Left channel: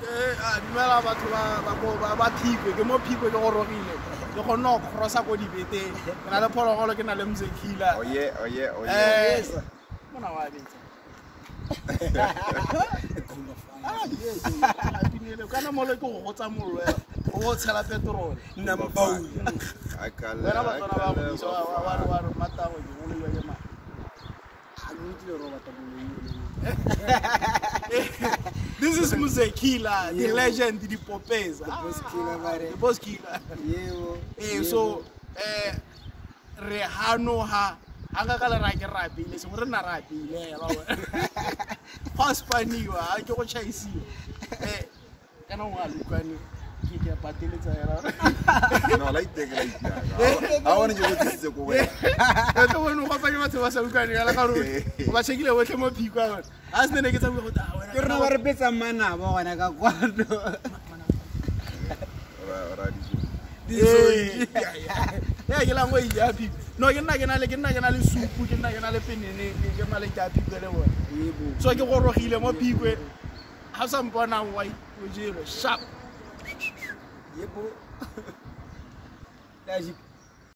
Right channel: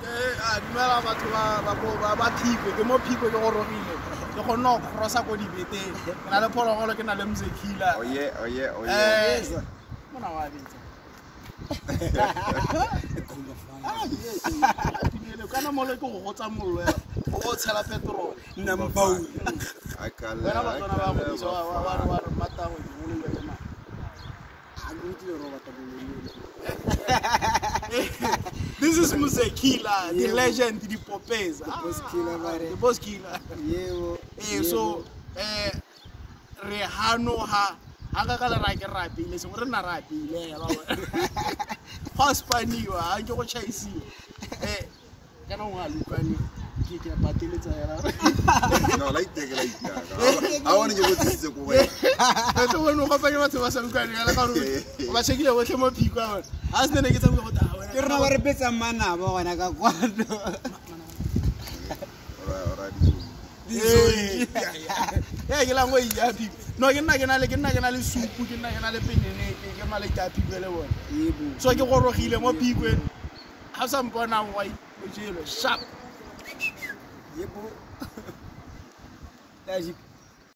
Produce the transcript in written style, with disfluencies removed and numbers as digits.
dumela batho ba phikwe ke mo phikwe ke go rogile ke go no crossa go dibeteng na le phologolo ke na le mzekila oye mona wa bitsa kana mo le go go tsa mollo go tshela petrol nna mpau akala ba go so wa mata go di le yona This is Muzekila, the legend, the Popes. The boss killer. So, Rehano ha, Agakala Rapi, listen, we're not Rapi. Hospaniwa, I go chase you. Can I look at you? No, like that. I want to go to the way. I don't know what was going on. But she gave away more people. As the negative, you're not a better man now when I got one. Yeah, you're not way happy. No, you're not going to get another soup, put in another pin, and you're not like that. So you want to heal more people. Have some fun now, white, sharp.